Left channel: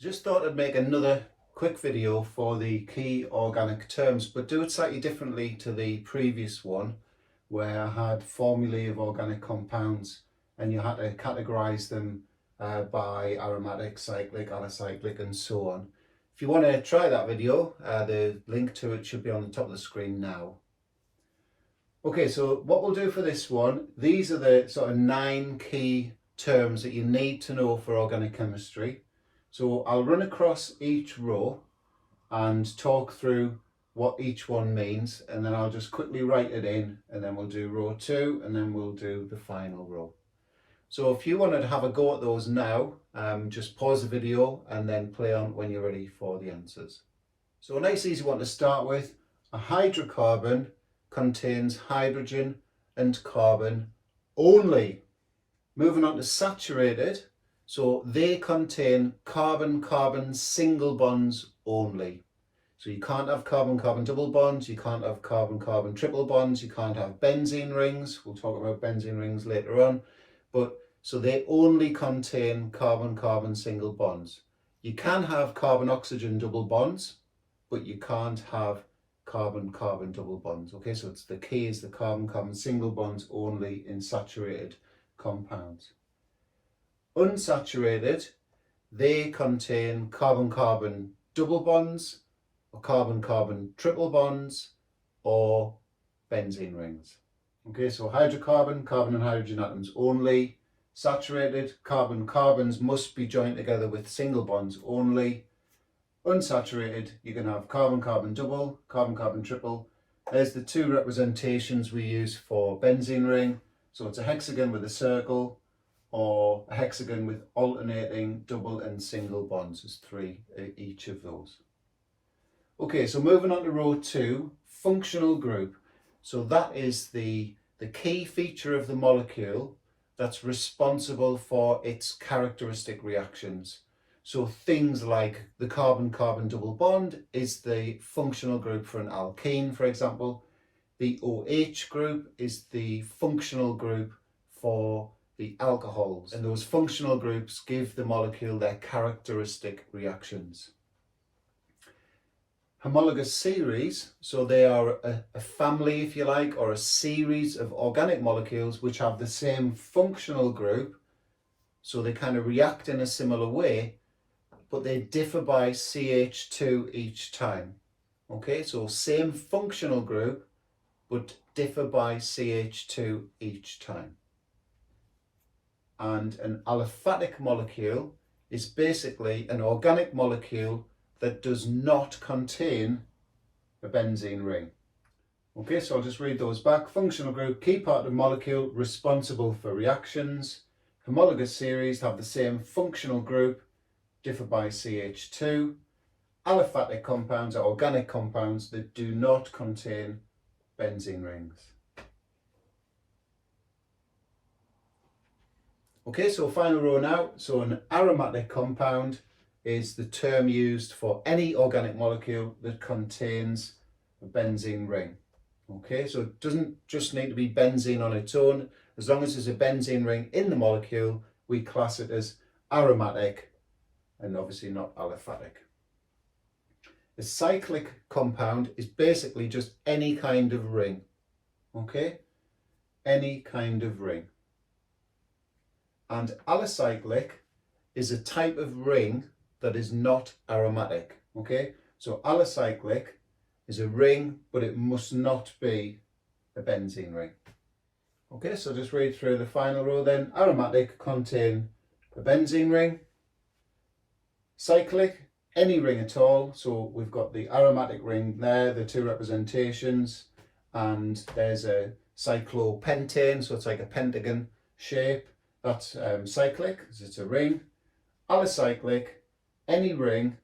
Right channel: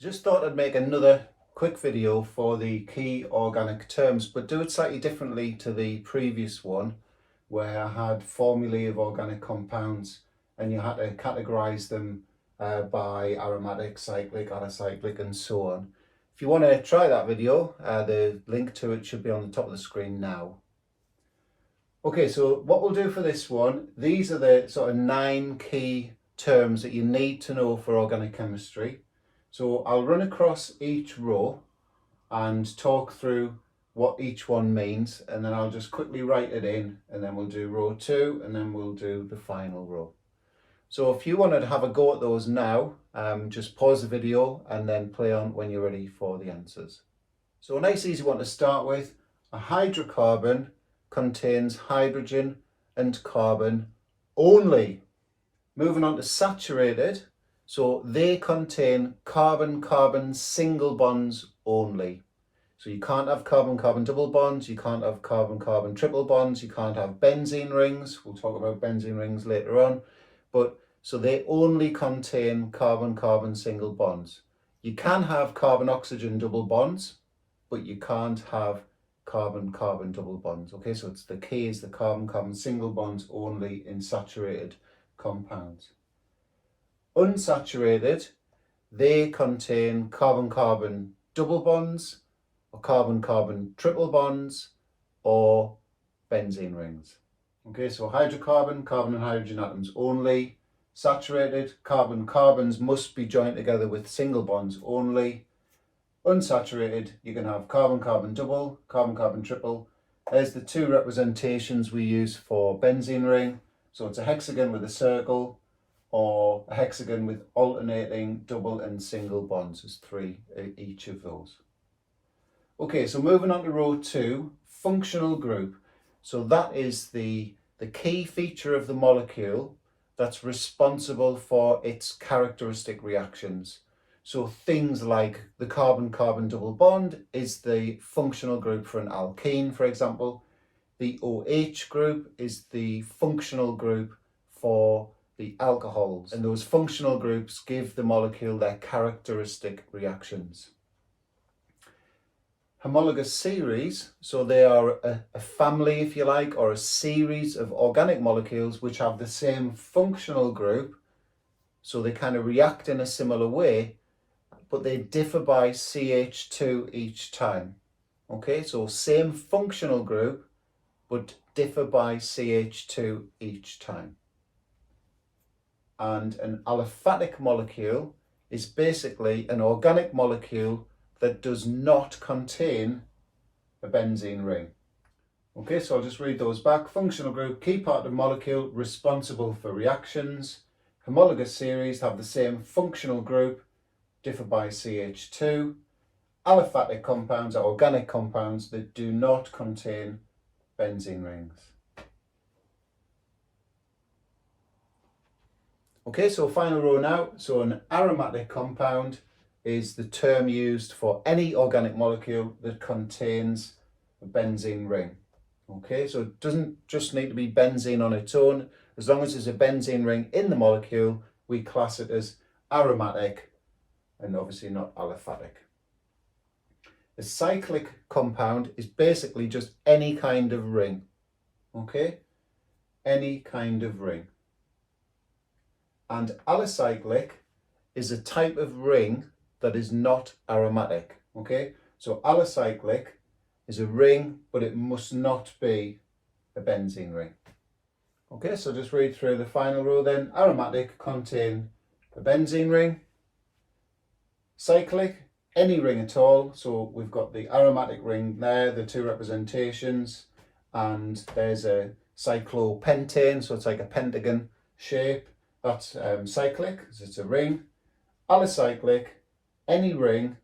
Just thought I'd make another quick video for the key organic terms, but do it slightly differently to the previous one where I had formulae of organic compounds and you had to categorize them by aromatic, cyclic, alicyclic and so on. If you want to try that video, the link to it should be on the top of the screen now. Okay, so what we'll do for this one, these are the sort of 9 key terms that you need to know for organic chemistry. So I'll run across each row and talk through what each one means, and then I'll just quickly write it in, and then we'll do row 2 and then we'll do the final row. So if you wanted to have a go at those now, just pause the video and then play on when you're ready for the answers. So a nice easy one to start with. A hydrocarbon contains hydrogen and carbon only. Moving on to saturated, so they contain carbon-carbon single bonds only. So you can't have carbon-carbon double bonds, you can't have carbon-carbon triple bonds, you can't have benzene rings. We'll talk about benzene rings later on. But so they only contain carbon-carbon single bonds. You can have carbon-oxygen double bonds, but you can't have carbon-carbon double bonds. Okay, so it's the key is the carbon-carbon single bonds only in saturated compounds. Unsaturated, they contain carbon-carbon double bonds or carbon-carbon triple bonds or benzene rings. Okay, so hydrocarbon, carbon and hydrogen atoms only. Saturated, carbon-carbons must be joined together with single bonds only. Unsaturated, you can have carbon-carbon double, carbon-carbon triple. There's the 2 representations we use for benzene ring. So it's a hexagon with a circle or a hexagon with alternating double and single bonds. There's 3 each of those. Okay, so moving on to row 2, functional group. So that is the key feature of the molecule that's responsible for its characteristic reactions. So things like the carbon-carbon double bond is the functional group for an alkene, for example. The OH group is the functional group for the alcohols. And those functional groups give the molecule their characteristic reactions. Homologous series, so they are a family, if you like, or a series of organic molecules which have the same functional group. So they kind of react in a similar way, but they differ by CH2 each time. Okay, so same functional group, but differ by CH2 each time. And an aliphatic molecule is basically an organic molecule that does not contain a benzene ring. Okay, so I'll just read those back. Functional group, key part of molecule, responsible for reactions. Homologous series have the same functional group, differ by CH2. Aliphatic compounds are organic compounds that do not contain benzene rings. Okay, so final row now. So an aromatic compound is the term used for any organic molecule that contains a benzene ring. Okay, so it doesn't just need to be benzene on its own. As long as there's a benzene ring in the molecule, we class it as aromatic and obviously not aliphatic. A cyclic compound is basically just any kind of ring. Okay, any kind of ring. And alicyclic is a type of ring that is not aromatic. Okay, so alicyclic is a ring, but it must not be a benzene ring. Okay, so just read through the final row then. Aromatic contain a benzene ring. Cyclic, any ring at all. So we've got the aromatic ring there, the 2 representations, and there's a cyclopentane, so it's like a pentagon shape. That's cyclic, because it's a ring. Alicyclic, any ring,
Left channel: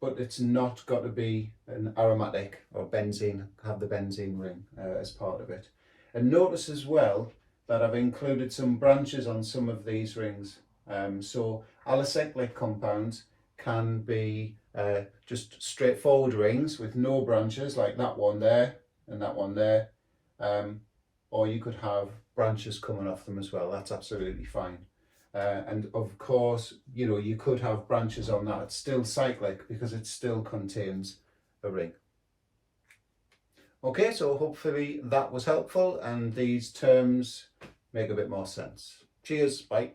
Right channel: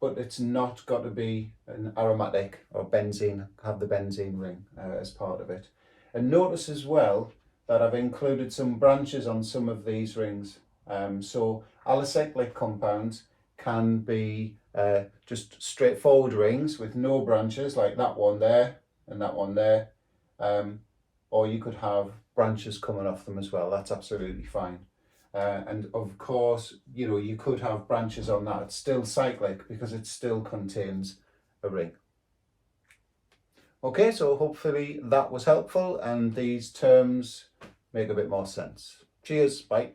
but it's not got to be an aromatic or benzene, have the benzene ring as part of it. And notice as well that I've included some branches on some of these rings. So alicyclic compounds can be just straightforward rings with no branches, like that one there and that one there. Or you could have branches coming off them as well. That's absolutely fine. and of course, you know, you could have branches on that. It's still cyclic because it still contains a ring. Okay, so hopefully that was helpful and these terms make a bit more sense. Cheers, bye.